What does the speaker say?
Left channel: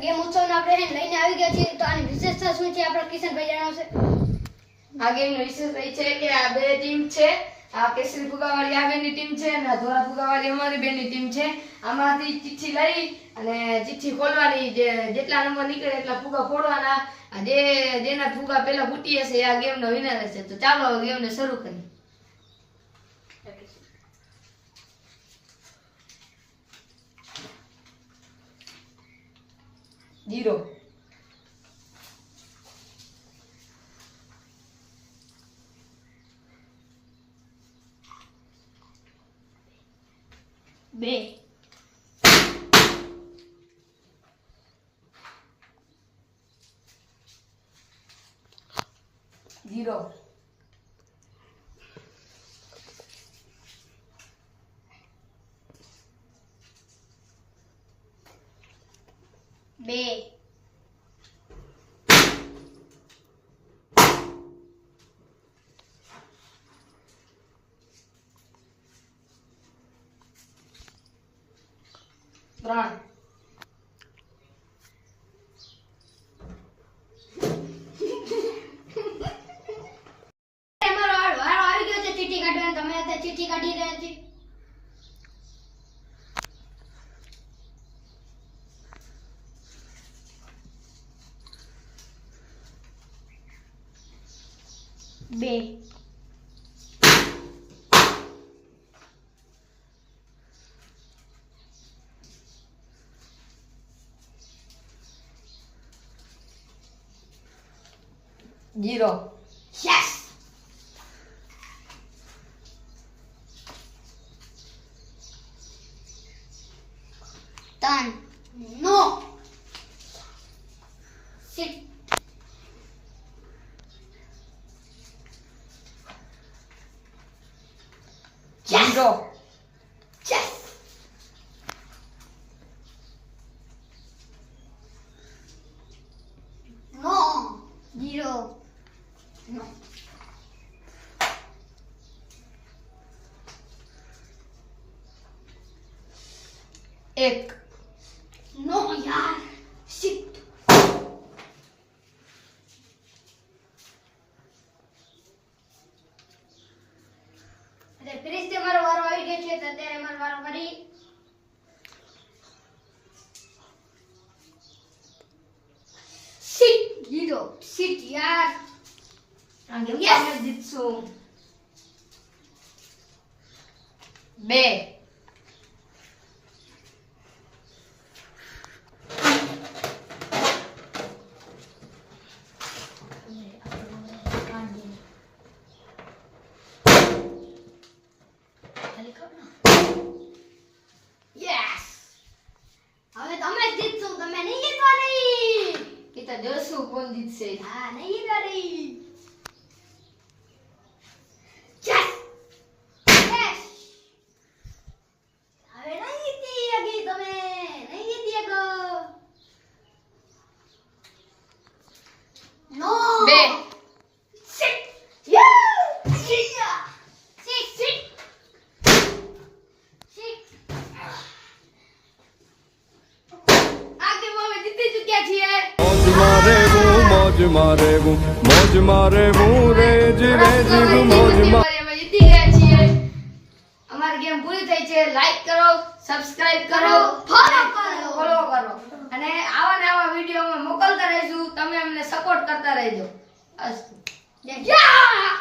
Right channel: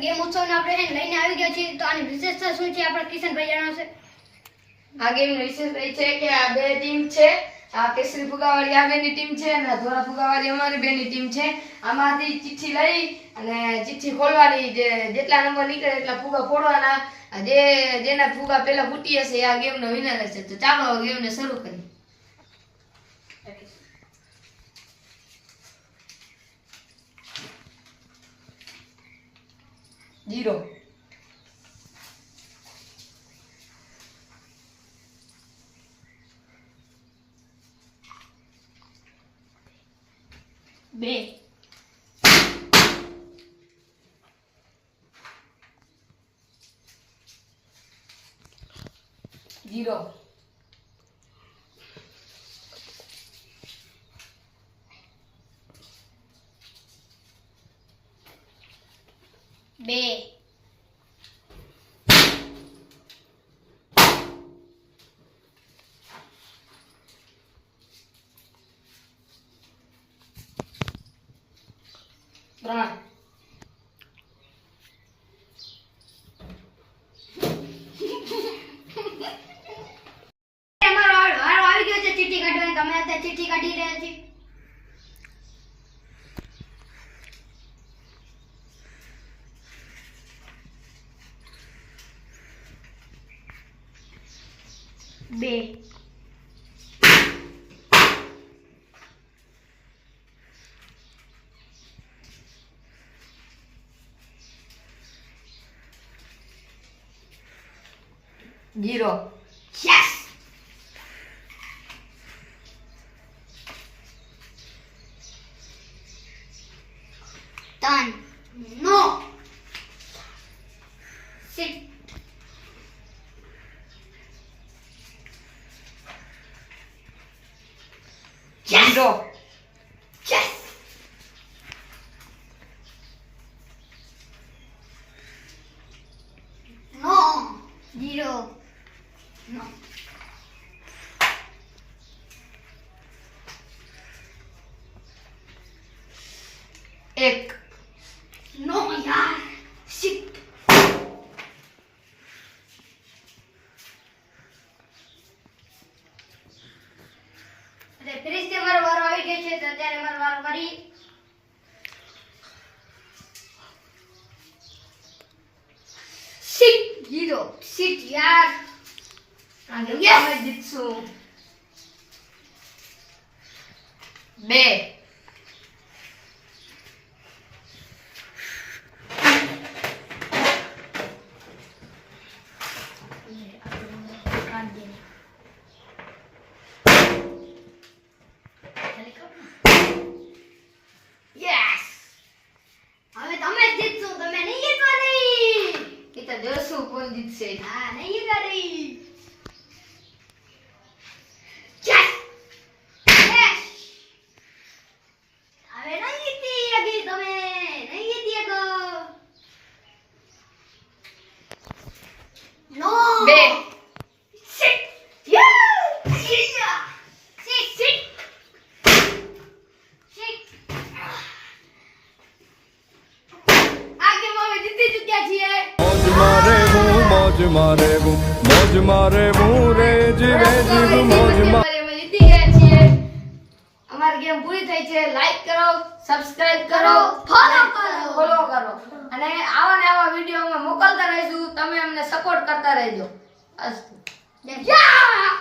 Game ઉત્સવને આપણે લઈને આવી ગયા છીએ તો આની વિશેષતા શું છે આપણે કિશનભાઈ જણાવશે આ ગેમ વિશેષ એ છે કે આ બે ટીમ છે આ કેસરી ફુગાવાળી આ બેની ટીમ છે અને ધોળા ફુગાવાળી અમારી બેની ટીમ છે આમાંથી ચિઠ્ઠી લઈ અને ચિઠ્ઠી ખોલવાની જેટલા નંબર નીકળે એટલા ફુગા ફોડવાના જેના ફુગા પહેલા ફૂટી હશે આ ગેમનો વિનર હશે તો ચાલો ગેમને શરૂ કરીએ 0 2 0 2 3 ચીઠી કાઢવાની તમે અત્યારે ચીઠી કાઢી રહ્યા છે બે Zero. Yes. Done. No. Sit. Yes. 0. Yes. No. 0. No. एक No यार. Sit. ફરીથી અમારો વારો આવી ગયો છે તો અત્યારે અમારો વારો કરી sit 0 sit યાર आगे Yes. मैं जीतसू 2 યસ હવે તમે જ જીતશો તમે નહીં જીતવાની इतना जोशू कौन जीत से હા નહીં જીતવાની યસ યસ હવે નહીં જીતી અગી તમે નહીં જીતી અગો નો 2 sit yeah sit sit sit आगे में जीती चुक्या छिए मौज मारे वो रे जीवे जीव मौज मारे અમે જીતી ગયા છીએ અમારી ગેમ પૂરી થઈ છે લાઈક કરો સબસ્ક્રાઇબ કરો ફોલો કરો ફોલો કરો અને આવા ને આવા વિડિયો અમે મોકલતા રહીશું તમે અમને સપોર્ટ કરતા રહેજો અસ્તુ યા